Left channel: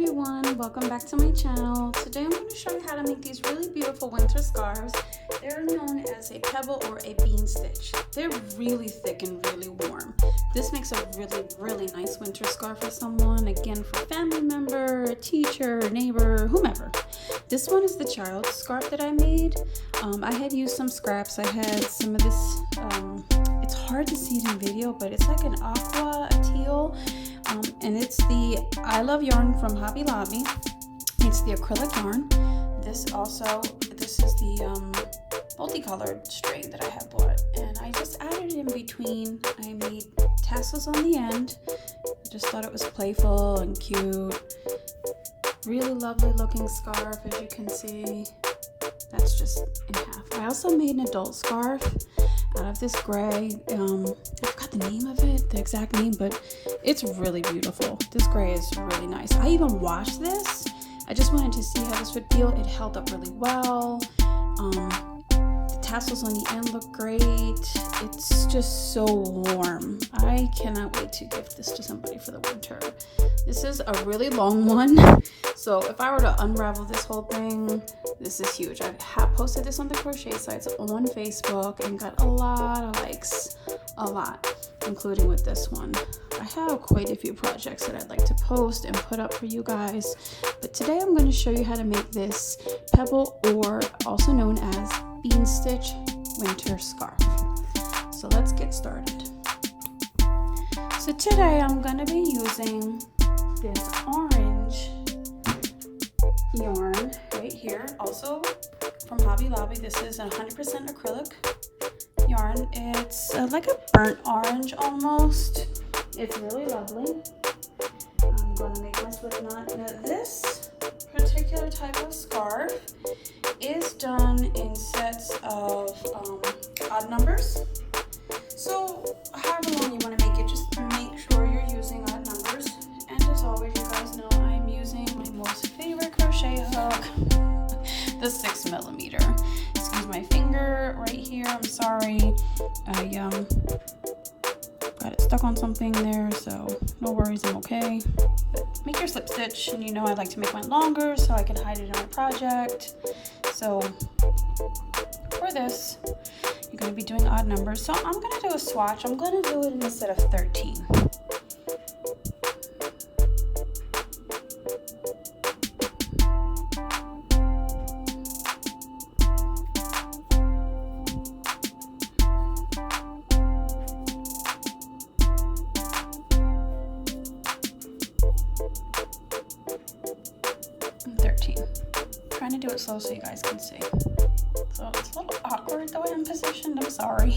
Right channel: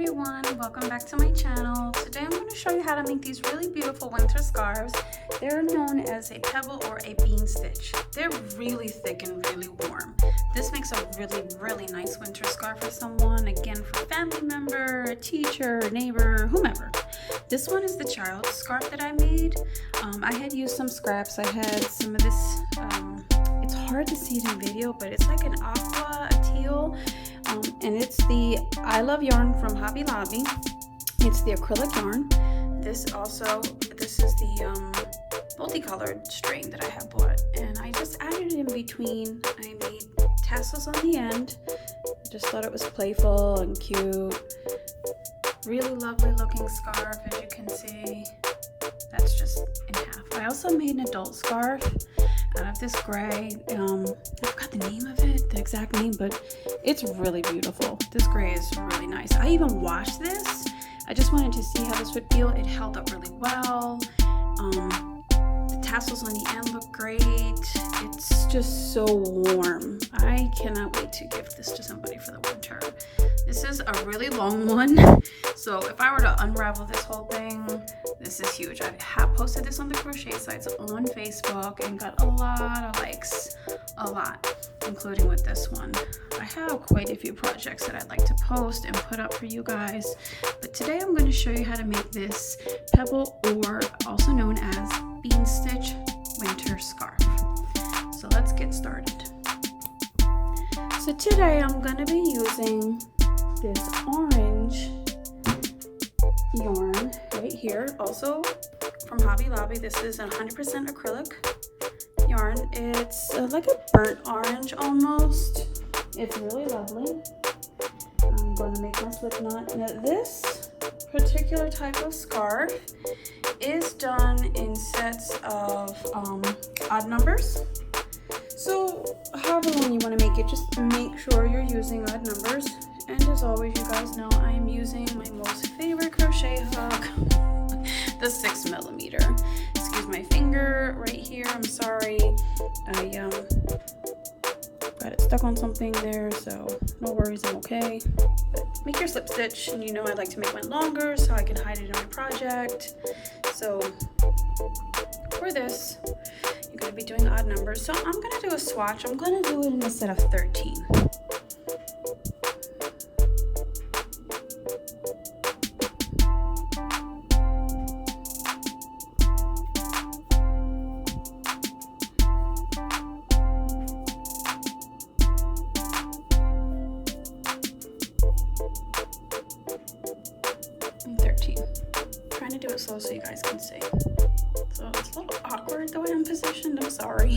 everyone, welcome back to my channel. Today I'm going to show you how to make these really beautiful winter scarves. They're known as a pebble or a bean stitch. They're really thick and really warm. This makes a really nice winter scarf for someone, again for family member, teacher, neighbor, whomever. This one is the child scarf that I made. I had used some scraps. I had some of this, it's hard to see in video, but it's like an aqua, a teal. And it's the I Love yarn from Hobby Lobby. It's the acrylic yarn. This is the multicolored string that I have bought, and I just added it in between. I made tassels on the end. Just thought it was playful and cute. Really lovely looking scarf, as you can see. That's just in half. I also made an adult scarf out of this gray. I forgot the name of it, the exact name, but it's really beautiful. This gray is really nice. I even washed this. I just wanted to see how this would feel. It held up really well. The tassels on the end look great. It's just so warm. I cannot wait to gift this to somebody for the winter. This is a really long one, so if I were to unravel this whole thing, this is huge. I have posted this on the crochet sites on Facebook and got a lot of likes, including with this one. I have quite a few projects that I'd like to post and put up for you guys, but today I'm going to show you how to make this pebble, or also known as bean stitch winter scarf. So let's get started. So today I'm going to be using this orange yarn right here, also from Hobby Lobby. This is 100% acrylic yarn. It's like a burnt orange almost. It's really lovely. I'm going to make this with this particular type of scarf is done in sets of odd numbers. So however long you want to make it, just make sure you're using odd numbers. And as always, you guys know I am using my most favorite crochet hook, the 6mm. Excuse my finger right here, I'm sorry. I got it stuck on something there, so no worries, I'm okay. Make your slip stitch, and you know I like to make mine longer so I can hide it in my project. So for this, you're going to be doing odd numbers. So I'm going to do a swatch. I'm going to do it instead of 13. Trying to do it slow so you guys can see. So it's a little awkward the way I'm positioned, I'm sorry.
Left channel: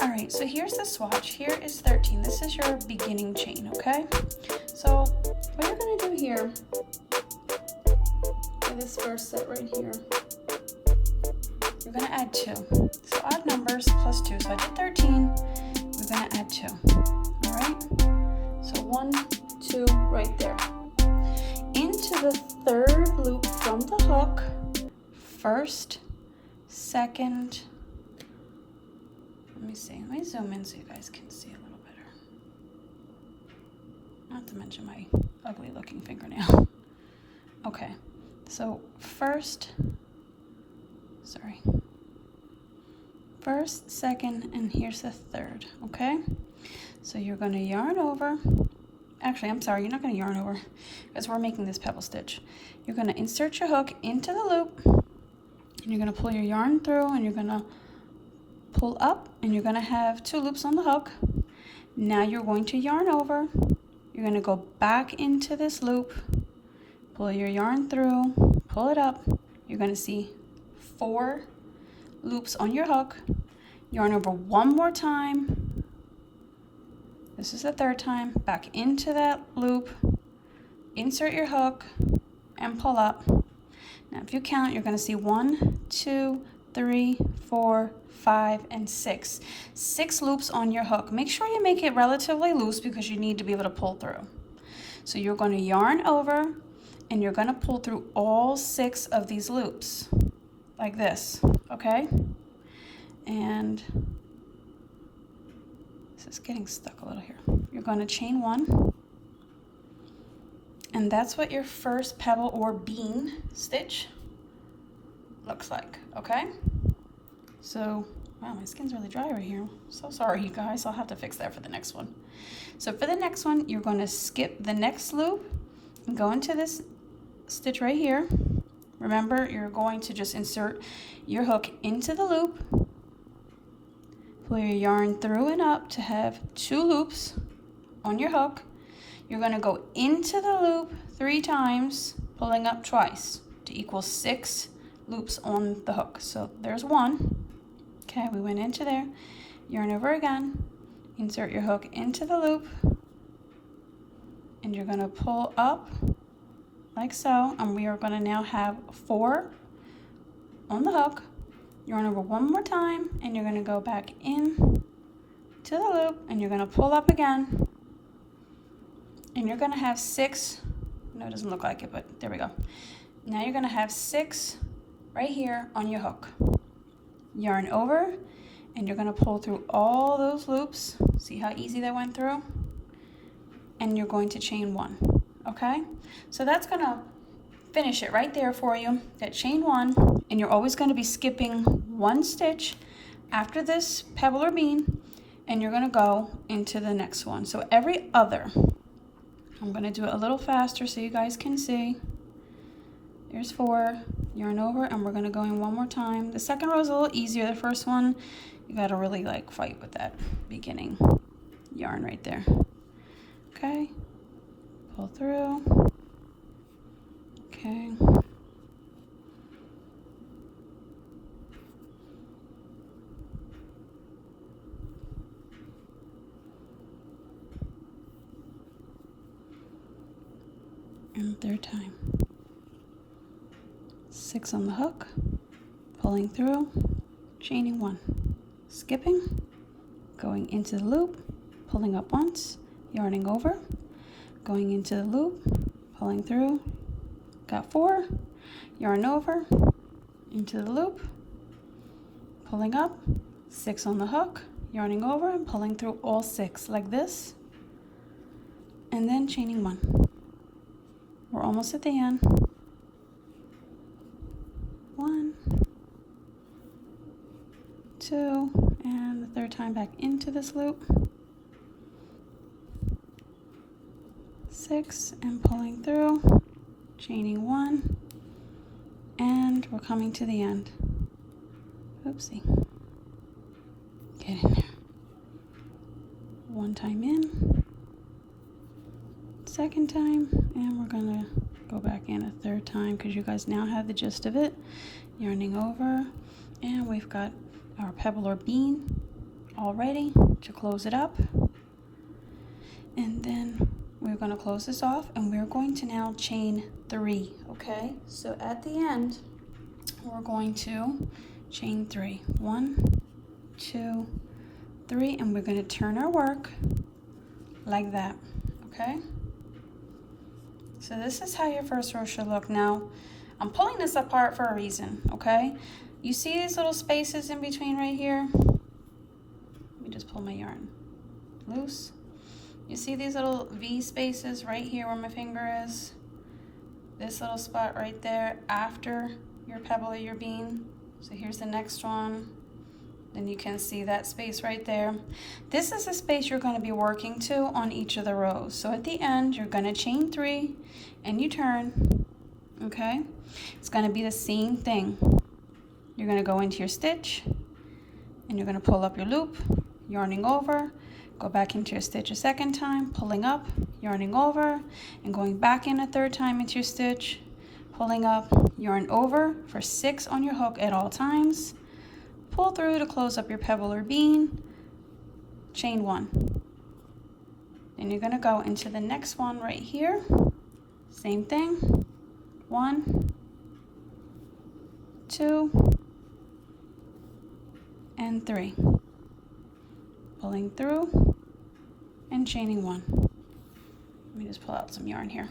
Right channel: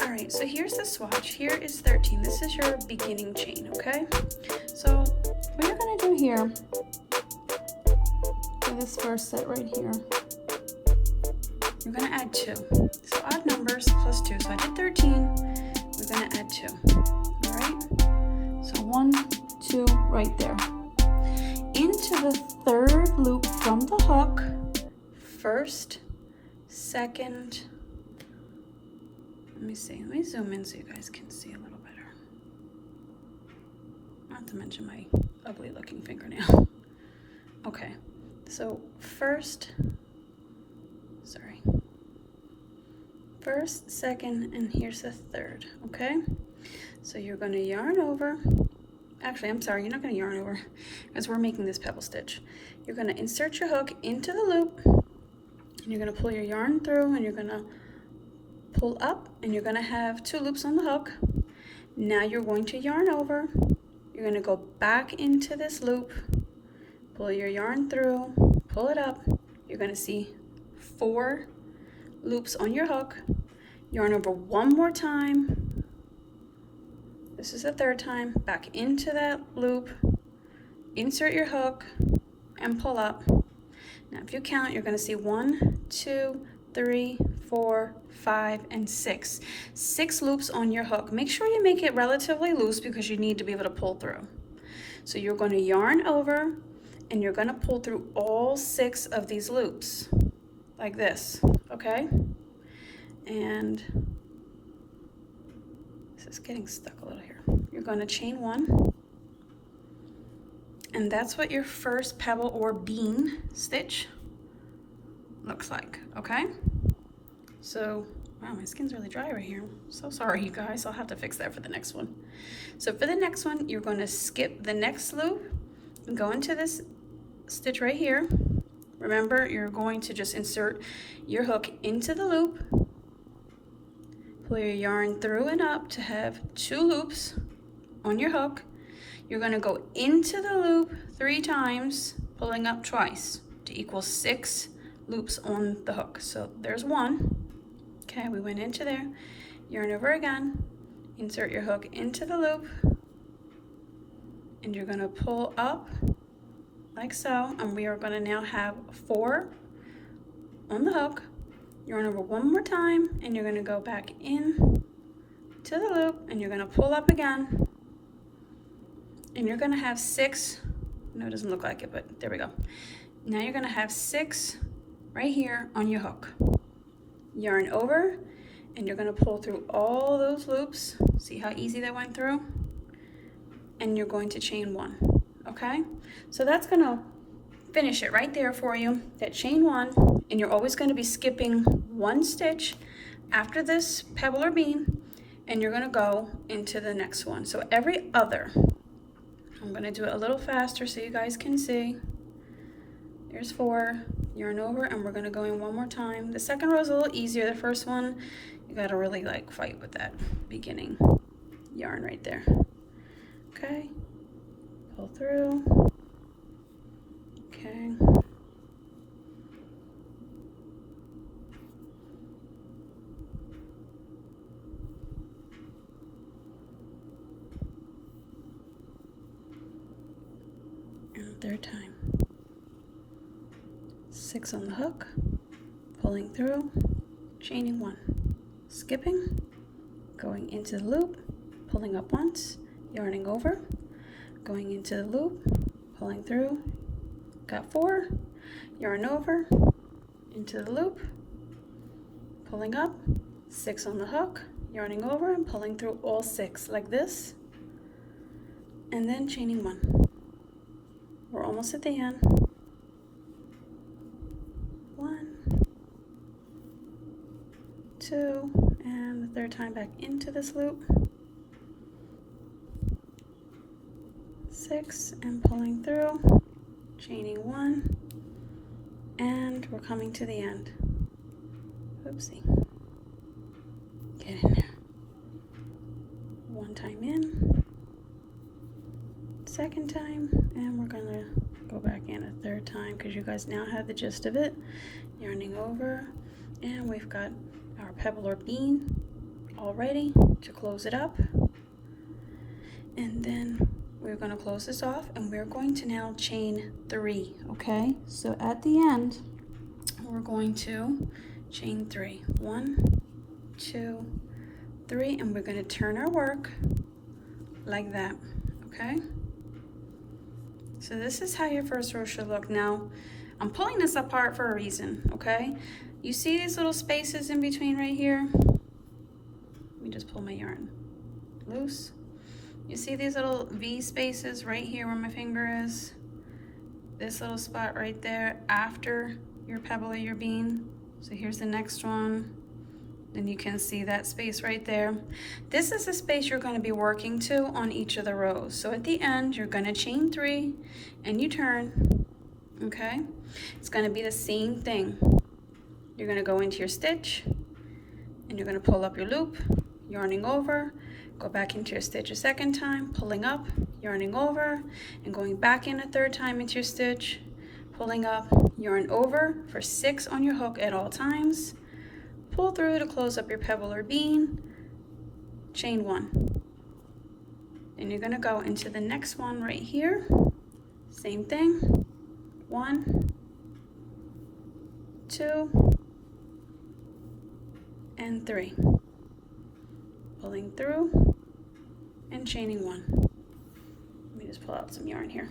Alright, so here's the swatch. Here is 13. This is your beginning chain, okay? So what you're going to do here, in this first set right here, you're going to add 2. So odd numbers plus 2. So I did 13, we're going to add 2. Alright? So 1, 2, right there. Into the third loop from the hook, first, second, let me zoom in so you guys can see a little better. Not to mention my ugly looking fingernail. Okay, so first, second, and here's the third, okay? So you're gonna yarn over. Actually, I'm sorry, you're not going to yarn over because we're making this pebble stitch. You're going to insert your hook into the loop, and you're going to pull your yarn through, and you're going to pull up, and you're going to have 2 loops on the hook. Now you're going to yarn over. You're going to go back into this loop, pull your yarn through, pull it up. You're going to see 4 loops on your hook. Yarn over one more time. This is the third time, back into that loop, insert your hook, and pull up. Now if you count, you're going to see 1, 2, 3, 4, 5, and 6. 6 loops on your hook. Make sure you make it relatively loose because you need to be able to pull through. So you're going to yarn over, and you're going to pull through all 6 of these loops, like this, okay? And this is getting stuck a little here. You're going to chain 1, And that's what your first pebble or bean stitch looks like, okay? So, wow, my skin's really dry right here. So sorry, you guys. I'll have to fix that for the next one. So for the next one, you're going to skip the next loop and go into this stitch right here. Remember, you're going to just insert your hook into the loop, pull your yarn through and up to have 2 loops on your hook. You're going to go into the loop 3 times, pulling up twice to equal 6 loops on the hook. So there's 1. Okay, we went into there, yarn over again, insert your hook into the loop, and you're going to pull up like so, and we are going to now have 4 on the hook. Yarn over one more time, and you're going to go back in to the loop, and you're going to pull up again, and you're going to have 6. No, it doesn't look like it, but there we go. Now you're going to have 6 right here on your hook. Yarn over, and you're going to pull through all those loops. See how easy that went through? And you're going to chain 1. Okay, so that's going to finish it right there for you, that chain 1, and you're always going to be skipping 1 stitch after this pebble or bean, and you're going to go into the next one. So every other, I'm going to do it a little faster so you guys can see. There's 4, yarn over, and we're going to go in one more time. The second row is a little easier. The first one, you got to really like fight with that beginning yarn right there. Okay, pull through. Okay. And third time. 6 on the hook, pulling through, chaining 1, skipping, going into the loop, pulling up once, yarning over, going into the loop, pulling through, got 4, yarn over, into the loop, pulling up, 6 on the hook, yarning over and pulling through all 6 like this, and then chaining 1. We're almost at the end. 1, 2, and the third time back into this loop. 6 and pulling through, chaining 1, and we're coming to the end. Oopsie. Get in there. 1 time in, 2nd time, and we're gonna go back in a 3rd time because you guys now have the gist of it. Yarning over, and we've got our pebble or bean all ready to close it up. And then we're going to close this off, and we're going to now chain 3, okay? So at the end, we're going to chain 3. 1, 2, 3, and we're going to turn our work like that, okay? So this is how your first row should look. Now, I'm pulling this apart for a reason, okay? You see these little spaces in between right here? Let me just pull my yarn loose. You see these little V spaces right here where my finger is? This little spot right there after your pebble or your bean. So here's the next one. Then you can see that space right there. This is the space you're going to be working to on each of the rows. So at the end, you're going to chain 3 and you turn, okay? It's going to be the same thing. You're going to go into your stitch and you're going to pull up your loop, yarning over, go back into your stitch a 2nd time, pulling up, yarning over, and going back in a 3rd time into your stitch, pulling up, yarn over for 6 on your hook at all times, pull through to close up your pebble or bean, chain 1. Then you're going to go into the next one right here, same thing, 1, 2, and 3. Pulling through and chaining 1. Let me just pull out some yarn here.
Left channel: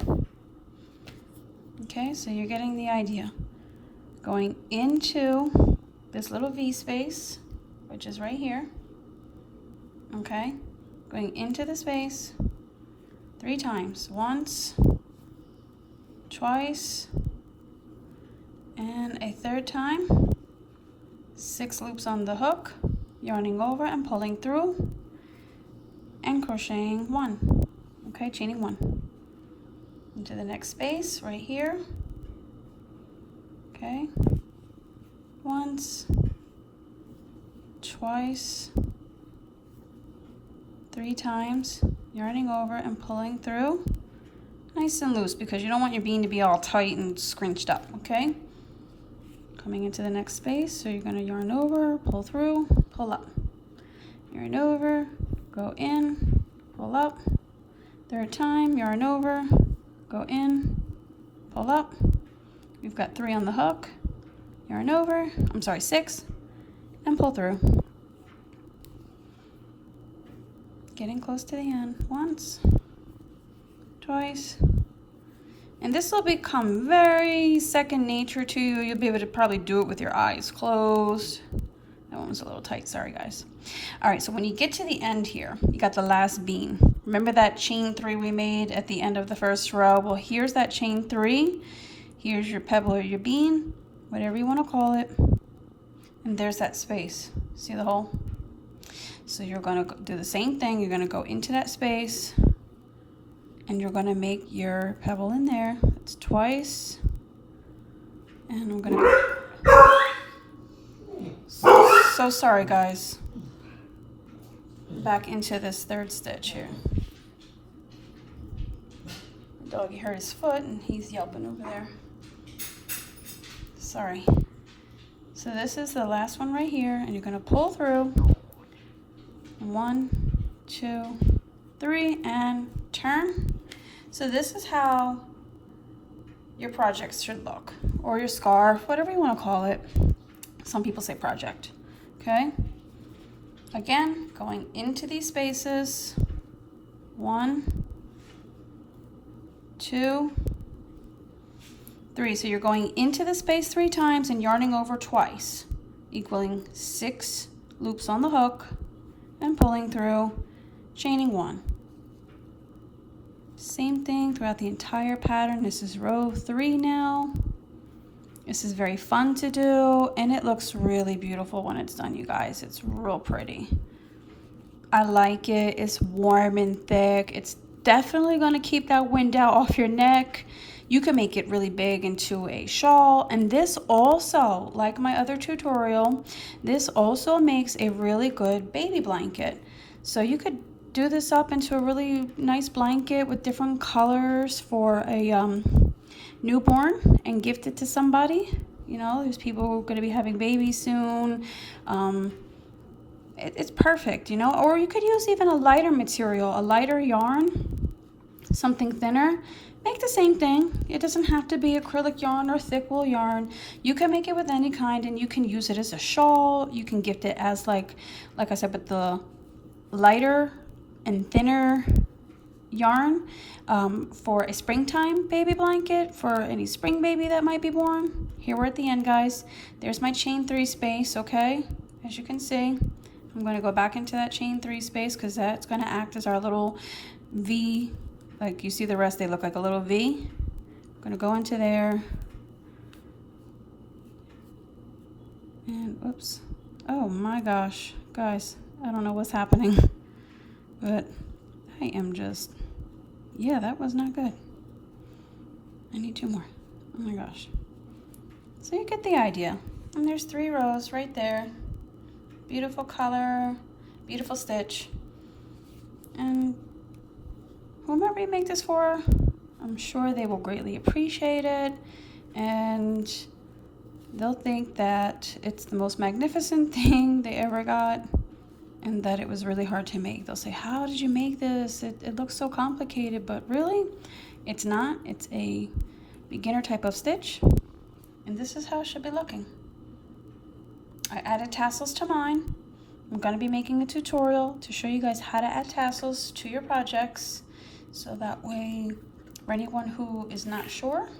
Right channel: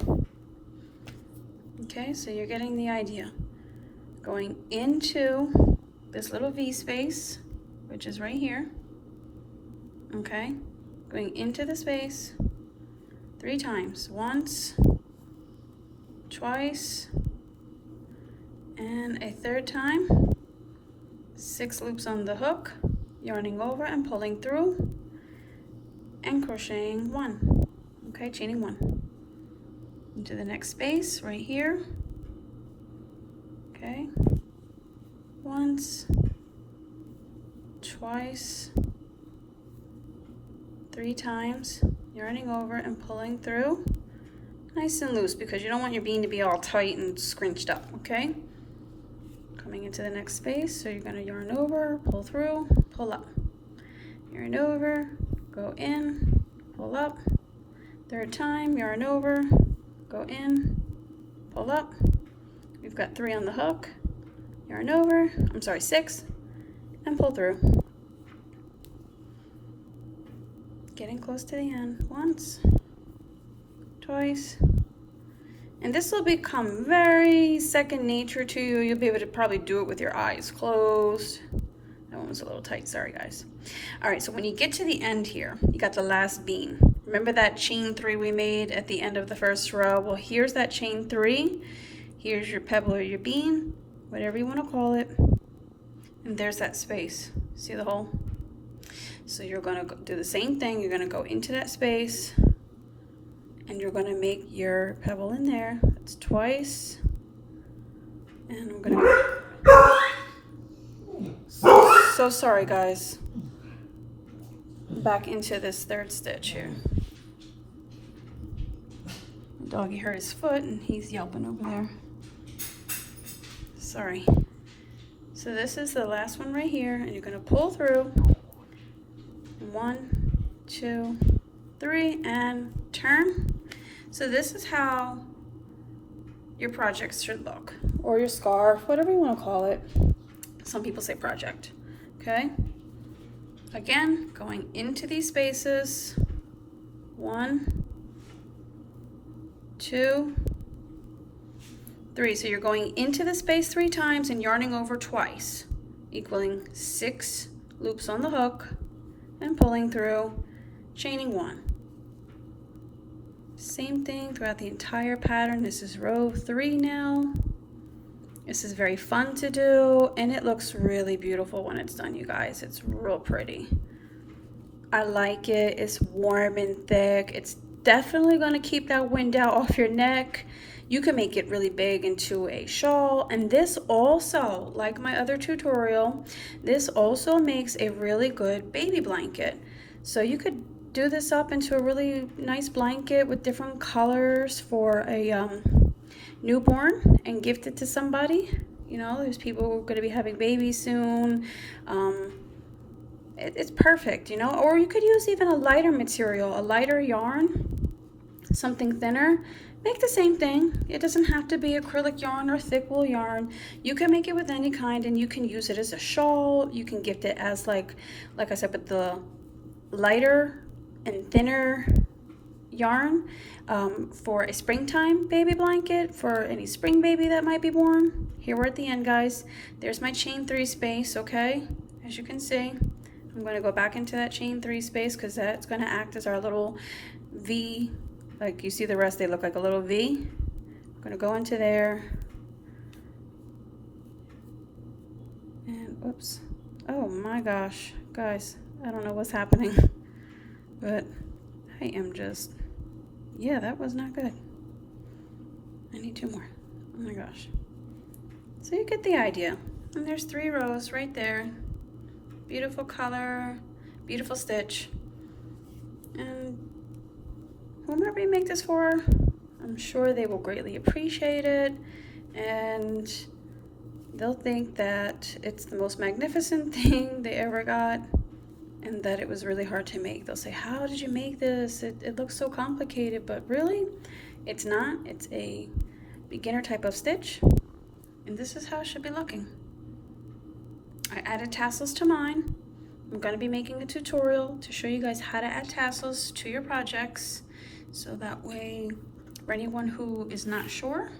Okay, so you're getting the idea. Going into this little V space, which is right here. Okay, going into the space 3 times. Once, twice, and a third time. 6 loops on the hook, yarning over and pulling through, and crocheting 1. Okay, chaining 1 into the next space right here. Okay, once, twice, 3 times, yarning over and pulling through, nice and loose, because you don't want your bean to be all tight and scrunched up. Okay, coming into the next space, so you're going to yarn over, pull through, pull up, yarn over, go in, pull up, third time, yarn over, go in, pull up. We've got 3 on the hook, yarn over, 6, and pull through. Getting close to the end. Once, twice, and this will become very second nature to you. You'll be able to probably do it with your eyes closed. That one was a little tight, sorry guys. All right, so when you get to the end here, you got the last bean. Remember that chain 3 we made at the end of the first row? Well, here's that chain 3. Here's your pebble or your bean, whatever you want to call it. And there's that space. See the hole? So you're going to do the same thing. You're going to go into that space, and you're going to make your pebble in there. It's twice. And I'm going to go. So sorry, guys. Back into this third stitch here. Doggy hurt his foot, and he's yelping over there. Sorry. So this is the last one right here, and you're going to pull through. 1, 2, 3, and turn. So this is how your projects should look, or your scarf, whatever you want to call it. Some people say project. Okay. Again, going into these spaces. 1, 2, 3. So you're going into the space 3 times and yarning over twice, equaling 6 loops on the hook, and pulling through, chaining 1. Same thing throughout the entire pattern. This is row 3 now. This is very fun to do, and it looks really beautiful when it's done, you guys. It's real pretty. I like it. It's warm and thick. It's definitely going to keep that wind out off your neck. You can make it really big into a shawl, and this also, like my other tutorial, this also makes a really good baby blanket. So you could do this up into a really nice blanket with different colors for a newborn and gift it to somebody. You know, there's people who are going to be having babies soon. It's perfect, you know. Or you could use even a lighter material, a lighter yarn, something thinner. Make the same thing. It doesn't have to be acrylic yarn or thick wool yarn. You can make it with any kind, and you can use it as a shawl. You can gift it as like I said, but the lighter and thinner yarn for a springtime baby blanket, for any spring baby that might be born. Here we're at the end, guys. There's my chain 3 space, okay? As you can see, I'm going to go back into that chain 3 space because that's going to act as our little V. Like you see the rest, they look like a little V. I'm going to go into there. And oops. Oh my gosh. Guys, I don't know what's happening. But I am just, yeah, that was not good. I need 2 more. Oh my gosh. So you get the idea. And there's 3 rows right there. Beautiful color, beautiful stitch. And whomever you make this for, I'm sure they will greatly appreciate it, and they'll think that it's the most magnificent thing they ever got, and that it was really hard to make. They'll say, how did you make this? It looks so complicated, but really, it's not. It's a beginner type of stitch, and this is how it should be looking. I added tassels to mine. I'm going to be making a tutorial to show you guys how to add tassels to your projects. So that way, for anyone who is not sure,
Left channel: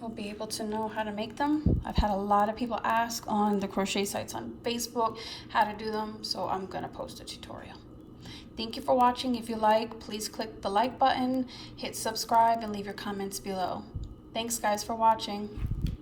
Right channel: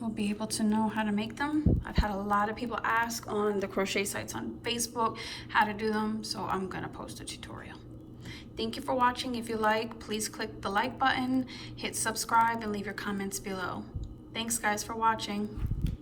will be able to know how to make them. I've had a lot of people ask on the crochet sites on Facebook how to do them, so I'm gonna post a tutorial. Thank you for watching. If you like, please click the like button, hit subscribe, and leave your comments below. Thanks guys for watching.